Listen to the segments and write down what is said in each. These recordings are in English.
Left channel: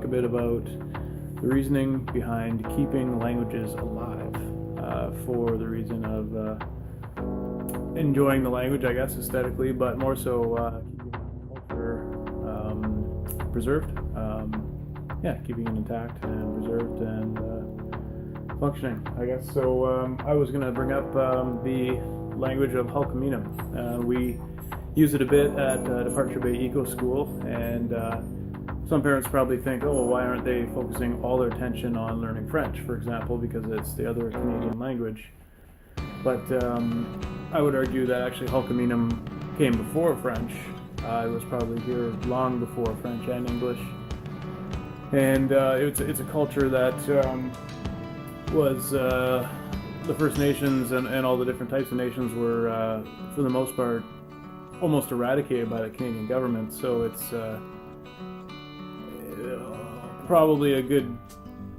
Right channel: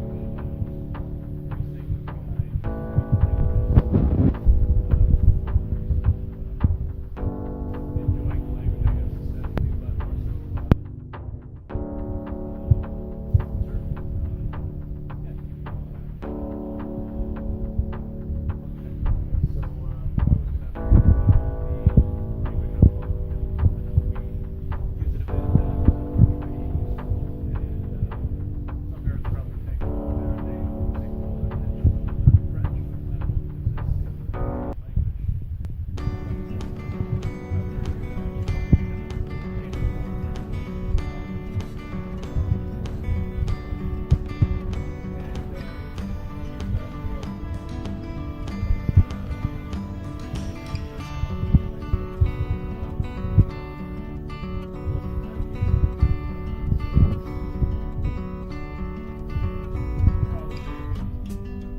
talk a bit about the reasoning behind keeping languages alive for the reason of enjoying the language, I guess, aesthetically, but more so keeping culture preserved. Keeping it intact and preserved and functioning, I guess. So I was going to bring up the language of Halkominum. We use it a bit at Departure Bay Eco School, and some parents probably think, oh, why aren't they focusing all their attention on learning French, for example, because it's the other Canadian language. But I would argue that actually Halkominum came before French. It was probably here long before French and English. And it's a culture that was the First Nations and all the different types of nations were, for the most part, almost eradicated by the Canadian government. So it's probably a good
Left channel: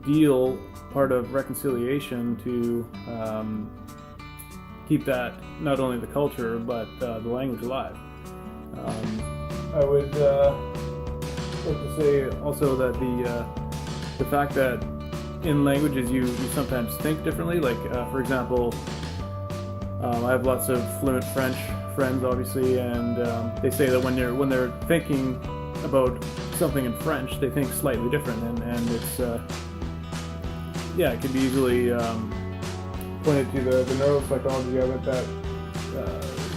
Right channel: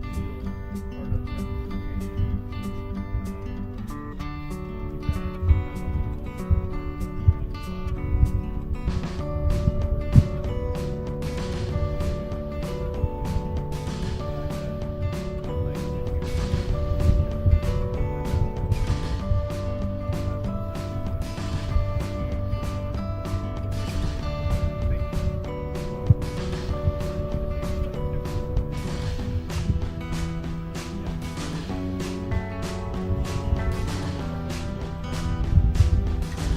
deal part of reconciliation to keep that, not only the culture, but the language alive. I would like to say also that the fact that in languages you sometimes think differently, like for example, I have lots of fluent French friends, obviously, and they say that when they're thinking about something in French, they think slightly different, and it's it can be easily pointed to the neuropsychology of it that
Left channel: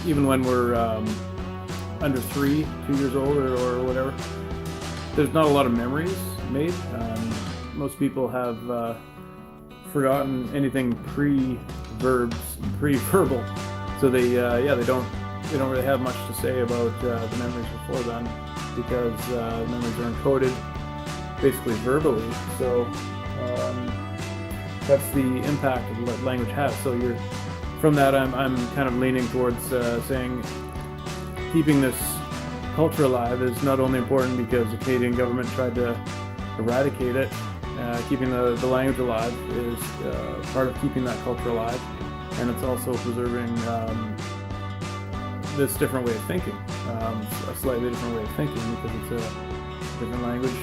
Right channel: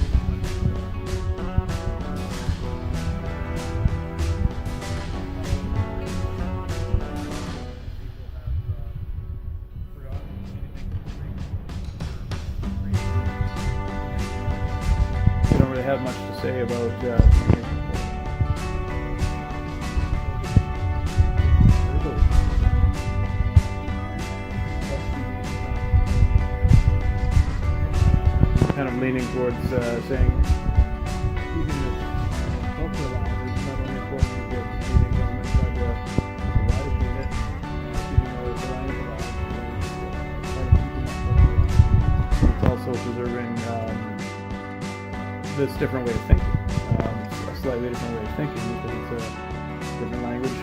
even when we're under 2 years old or whatever, there's not a lot of memories made. Most people have forgotten anything pre-verbal, so they don't really have much to say about memories before then, because memories are encoded basically verbally. So that's the impact that language has. So from that, I'm kind of leaning towards saying keeping this culture alive is not only important because the Canadian government tried to eradicate it. Keeping the language alive is part of keeping that culture alive, and it's also preserving this different way of thinking, a slightly different way of thinking, because it's a different language,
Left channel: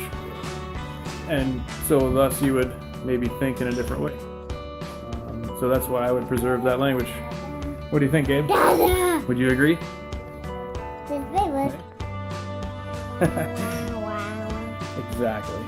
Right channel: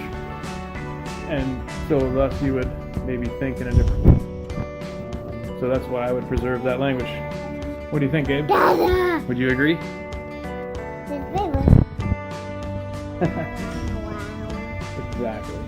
and so thus you would maybe think in a different way. So that's why I would preserve that language. What do you think, Gabe? Dada! Would you agree? Wow. Exactly.